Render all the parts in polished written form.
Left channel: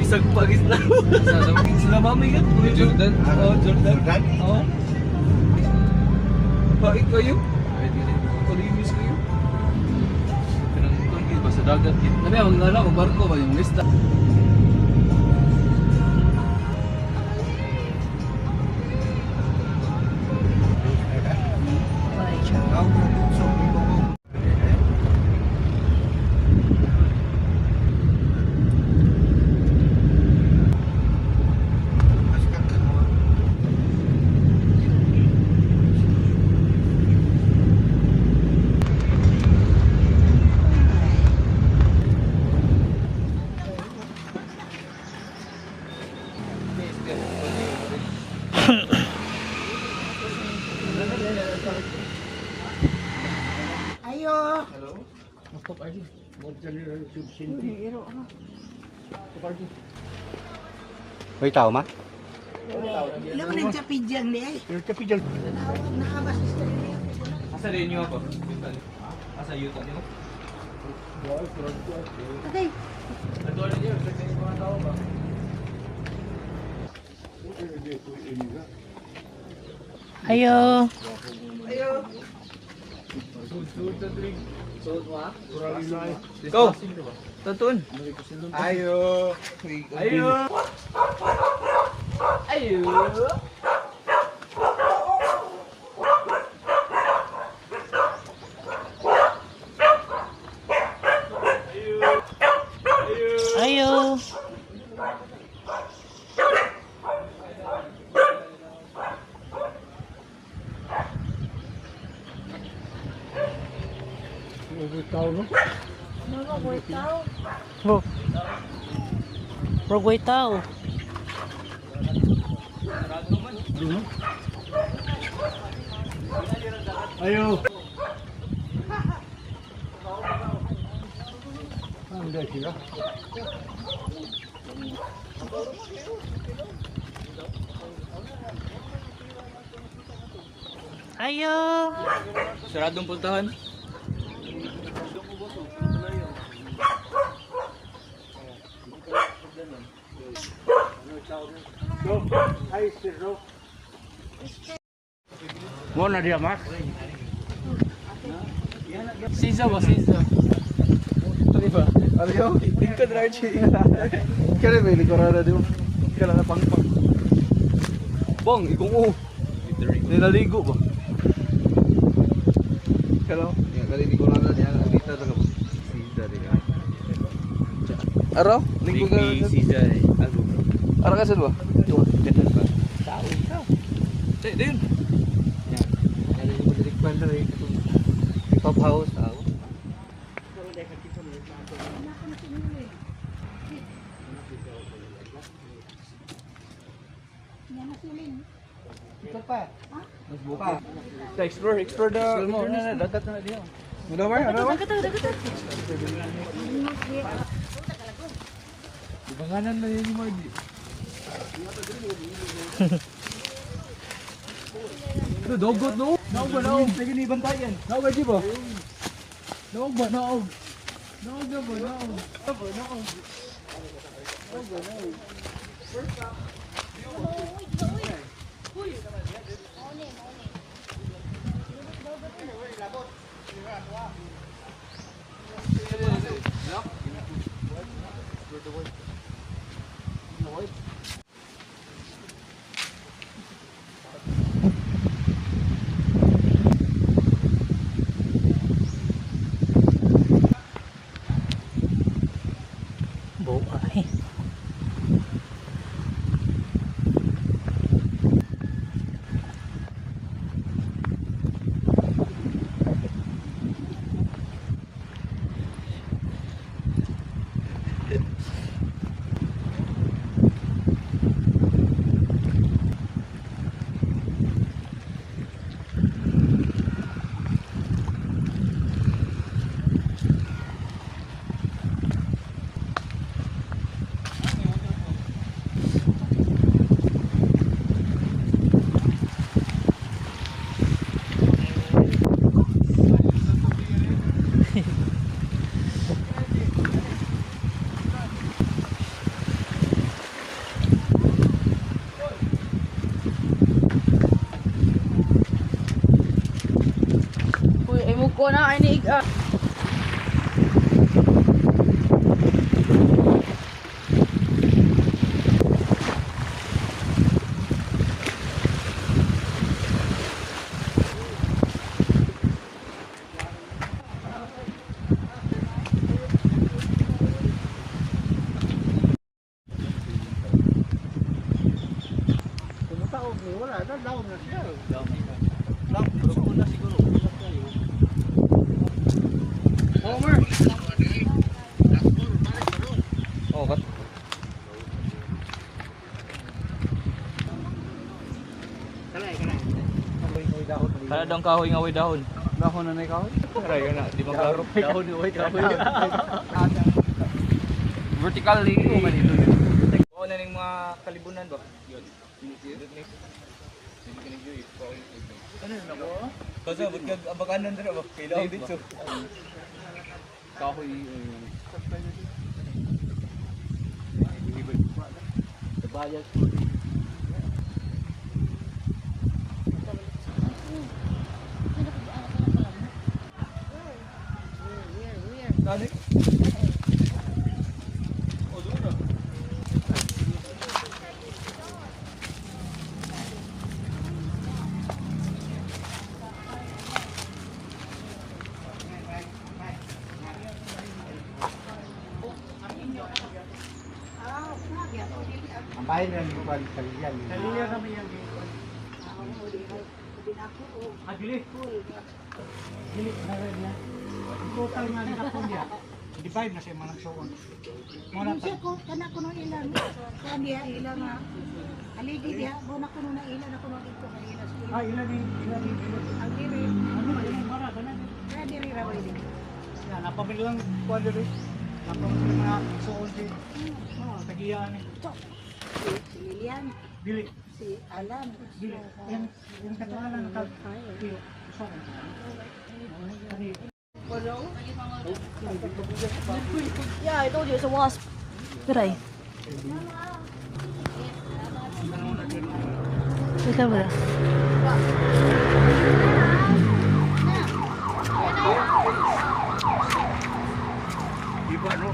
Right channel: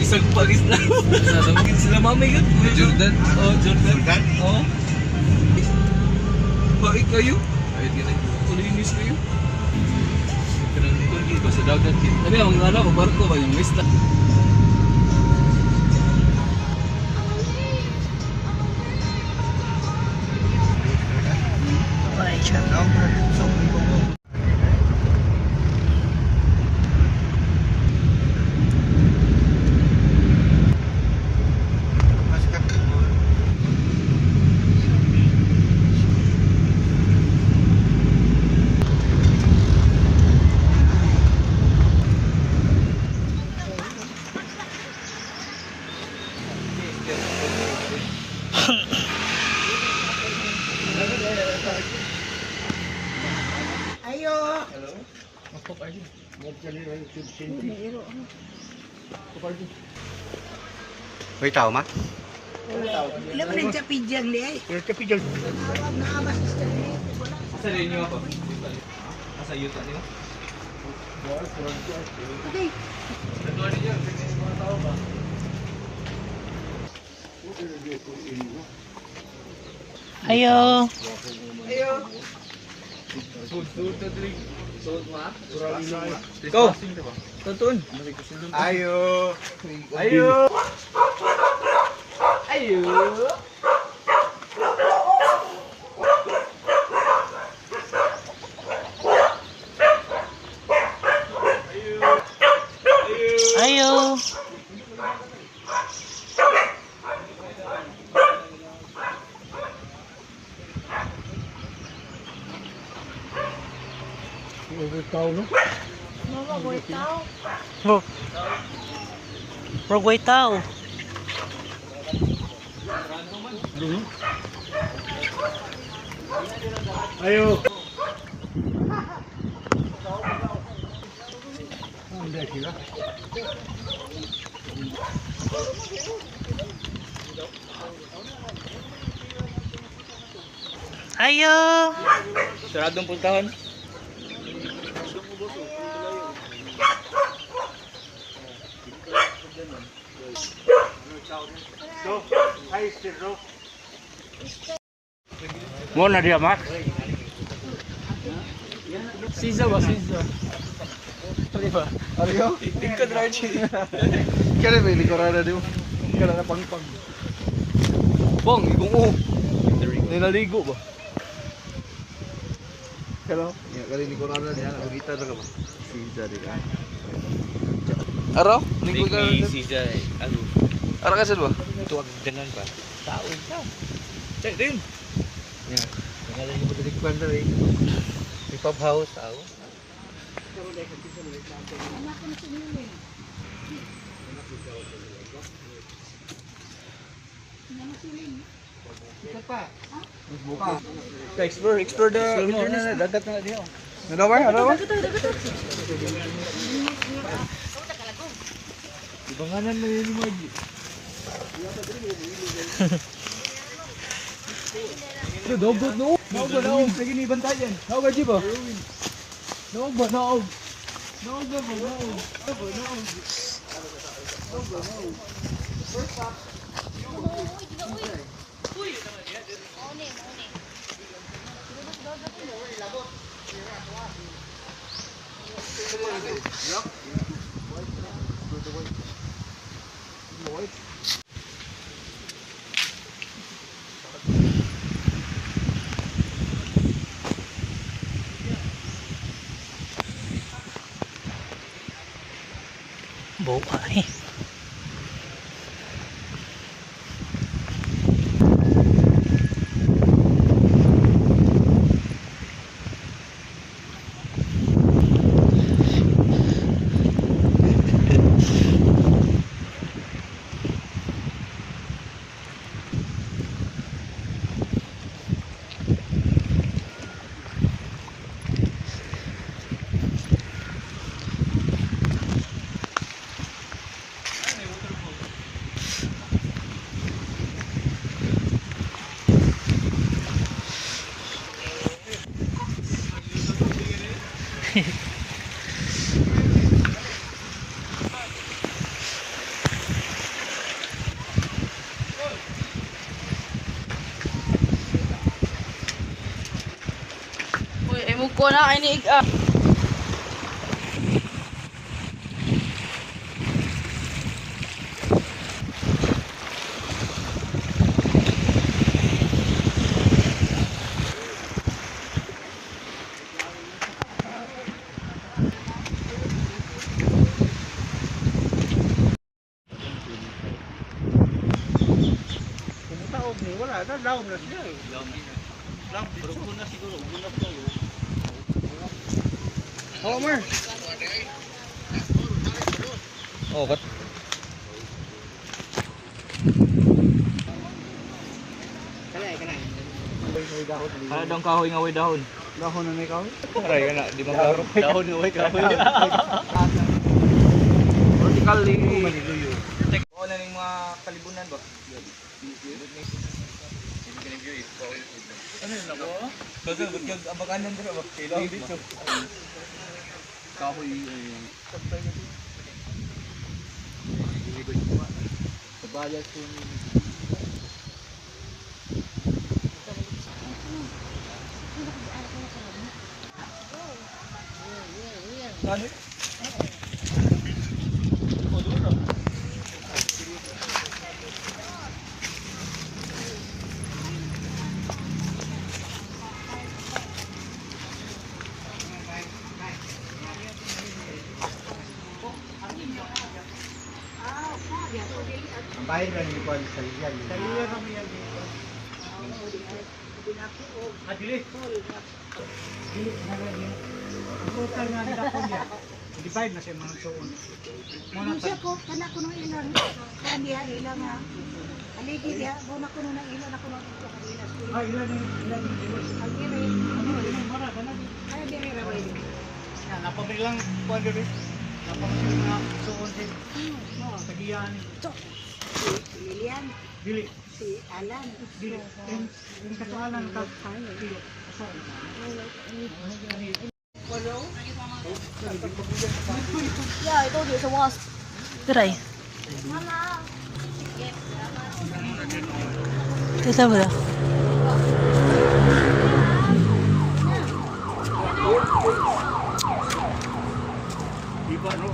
Isang pagis lang. Salamagin sila mami yun. Jordan? Oo, Jordan. Oo. Baik kayo. Baik kayo. Kulinis kayo. Kanang kundi ba sa dagat. Sabi ang mga anak, barko ba yung mista. Ayo. May tao ma? Ilang rin sa pijang ni. Awag na abas sa Asa rin nyo ako? Asa yuta niyo? Okay. Nandun ninyo. Mga tao ba? Ayo. Go! Tuntun! Ayo. Ayo! Ayo! Ayo. Rogway tao. Ayo. Anda sila. Ayo. Saradong puntahan. Mo na dia Max. Siza ba? Siza. Ano ba? Ano ka? Tingkad right siya. Kaya may likorada dio. Kala na pangpang. Bong, ikong o. Nilaligo ba? Hello. Ya kali likorada dia nak kita ta ka ba? Sida dia. Araw? Linggo ka. Siza ako. Araw ka ba? Ganun ba? Cek din. Kaya yung pagdikpan na rin. Hip-hop house ako. Explore the wilderness. Dagat na diyo. Ano ba? Ano ba? Ibanganan mo yun mo. Ito, dogot no? Naog ba? Naog. Lagi ni bantayan. Naog ba, Jiba? Naog ba? Naog. Naog ba? Naog. Naog. Buhay. Ko na ini ah. Tao ni wala na down na siya. Lang, pero kung na siguro, kung na kayo. Homer. Oh, ba't? Kalay. Kaya daw kahoy nga way dahon. Dahon na may kahoy. Aray ka na, di magkaro. Dahon nga way kahoy. Vertically. Oo na ng mga kalibunan ba? Ano yun ako? Kasi ba't kag abaganan dito ba? Kailangan dito. Kahoy ayun. Bayad. Ano? Ang bahay na yung kuwan sa liyan. Adili. Total nga nila ko niya. Divide na siya mga nagsuon. Ano siya ko, kana ko nung ilang, kan dia ilang nga. Haligi dia, bona ko nung ilang ako nung ito kanina. Ah, ilan ni Ang diri, ano na ilang bara na. kaya diri ra ba ini? Yan, napabilang kuwan diri. Napang na suon din. Sa giyan. Si Lilian, Dili. si Alan, Dili. Yung katuanan ka. Yeah, I told you it's a wasp. Tiray. Kita ba? Iba no.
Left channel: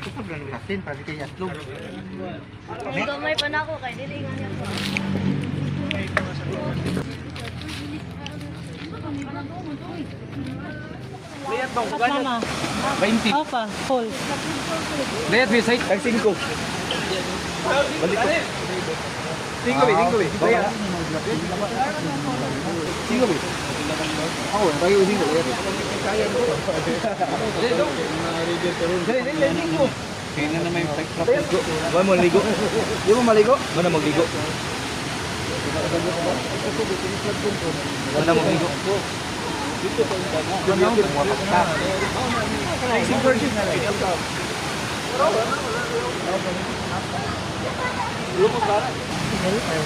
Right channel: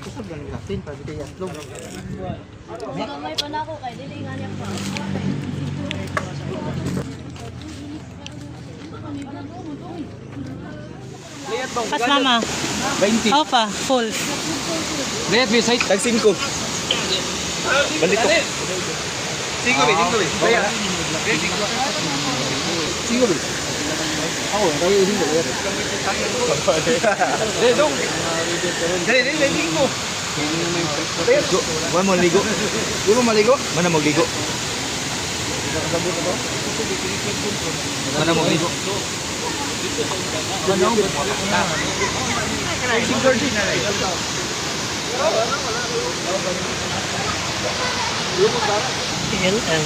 Kusog lang natin para kay Yatlog. Gamay pa na ako kay dili nga niya. Lihat bang? Pas mama. 20. Opa, full. Lihat bisa tag 5. Balik ko. 5 bi. Bayar. 5 bi. Ako, tayo din ko. Dali, ligo. Wala mo ligo. Puro maligo. Mana mo ligo? Mana mo ligo? LL.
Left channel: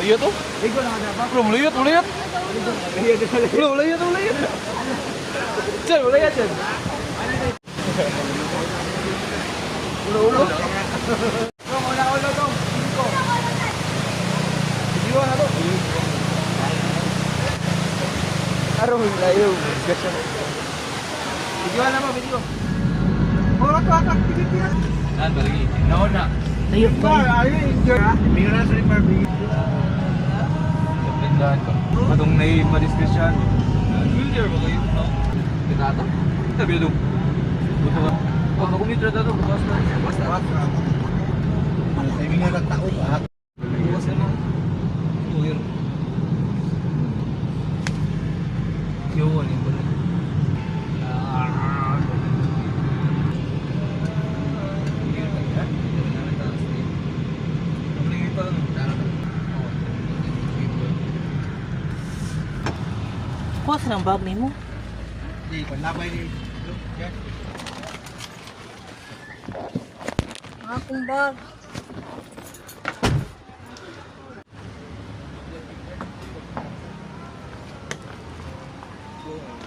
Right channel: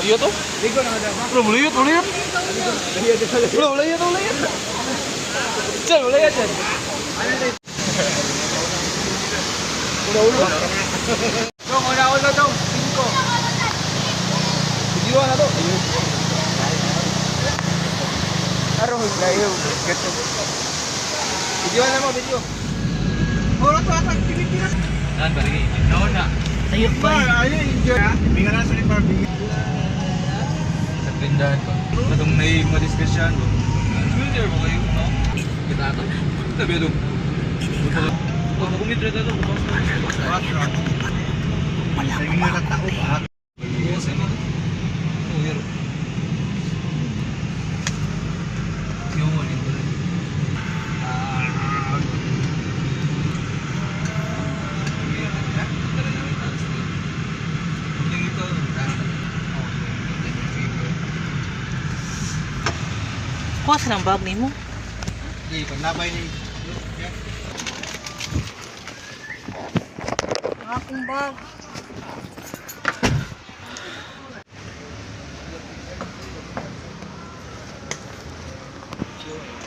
Lihat tuh. Belum lihat. Belum lihat. Cel, lihat Cel. Ulo. Dong, ulo dong. 5. Video na to. Arong layo. Video na mo, video. Ora to atak Pilipinas. Nan balik. Naon na. Ayun ba? Ayun enjoy. Ibigay na sa ni Barbie. Sa prendan ko. Atong may madiskusyon. Familiar ba kayo? Kita to. Tabi dong. Pag kumitra to, bukas na. Sa inyo na tao ba? Yes, ano? Uwir. Yun, yun. Kuha sa ng bag nimo. Di panlabay ni. akong bag.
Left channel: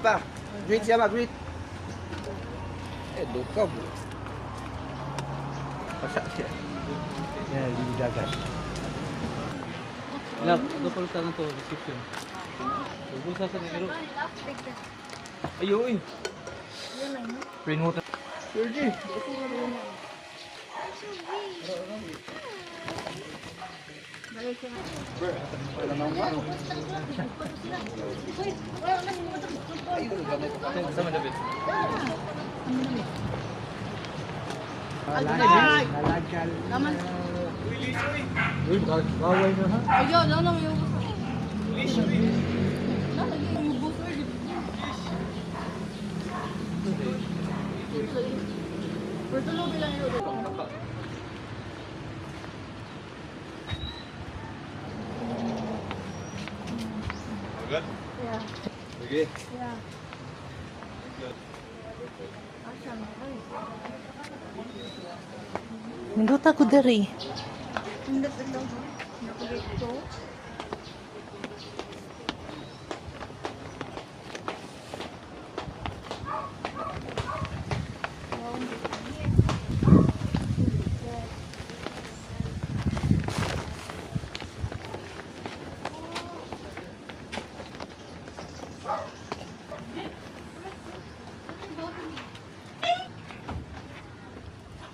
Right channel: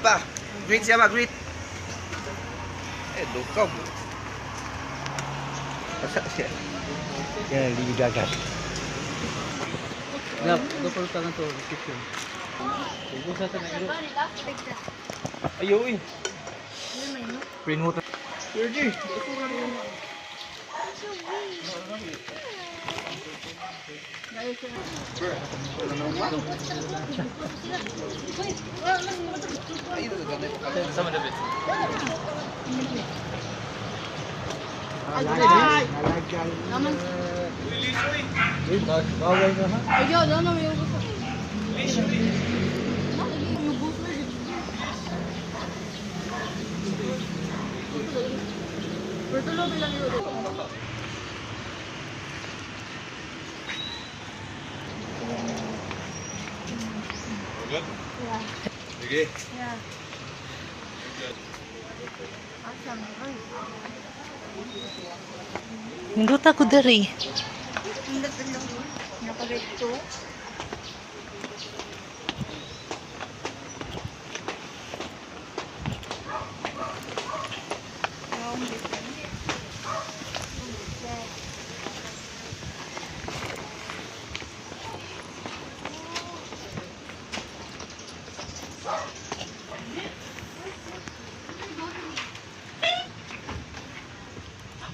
Pa, greet siya ba, greet. Dukaw. Asa siya? Yan, hindi dagat. Yap, ito pala tangan to, reception. Ito sa tanero. Ayo, uy. Green water. Sama David. Nalagal. Naman. Gaway na ha? Ayun, ano may ubos. May ubos. Bertulo bilang yun. Sige. Yeah. Awesome. Nindot ako dari. Hindi pa lang. Nakabito.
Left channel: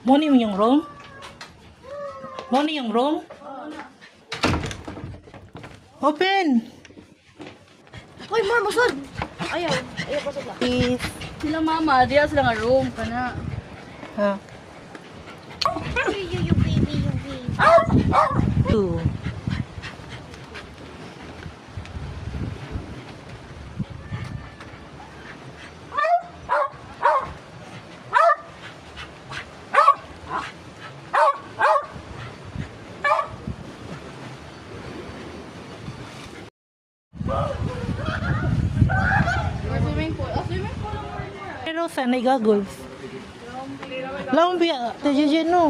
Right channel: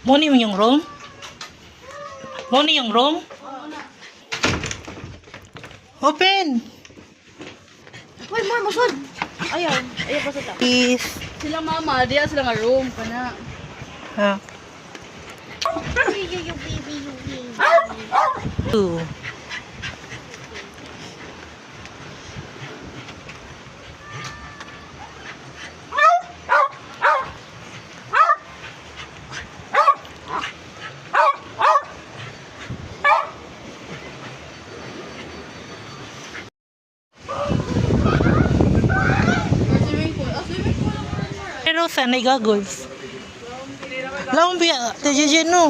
Mo ni yung room? Mo ni yung room? Open! Uy, ma, masod! Ayaw. Ayaw pa sa Please. sila mama, diya sila nga room ka na. Ha? Two. Swimming pool. Swimming pool. Pero saan ay goggles? Laong biya, tayo no.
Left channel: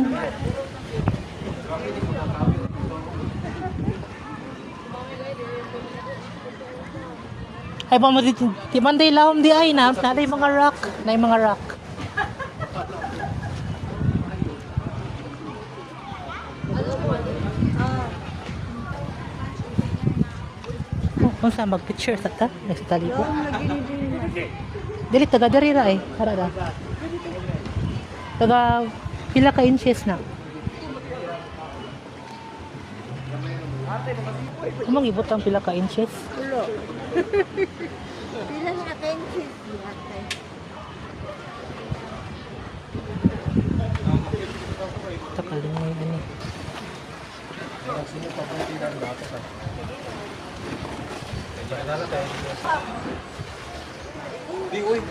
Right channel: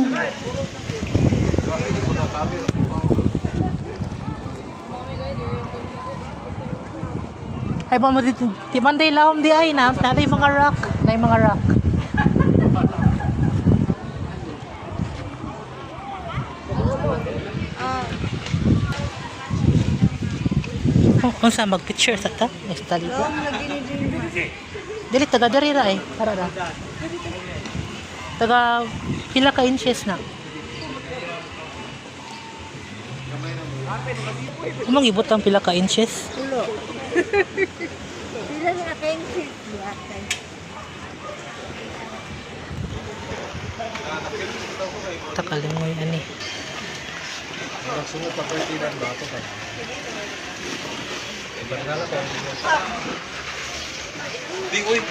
Ay pa mo dito, di banday laom di ay na, natay mga rock, na mga rock. Kung saan mag-picture sa ta? Mas tali ko. Dili, taga dari ra eh. Para ra. Taga pila ka inches na. Kumang ibot ang pila ka inches. Sila nga kayong Takaling mo yan eh. Di, uy.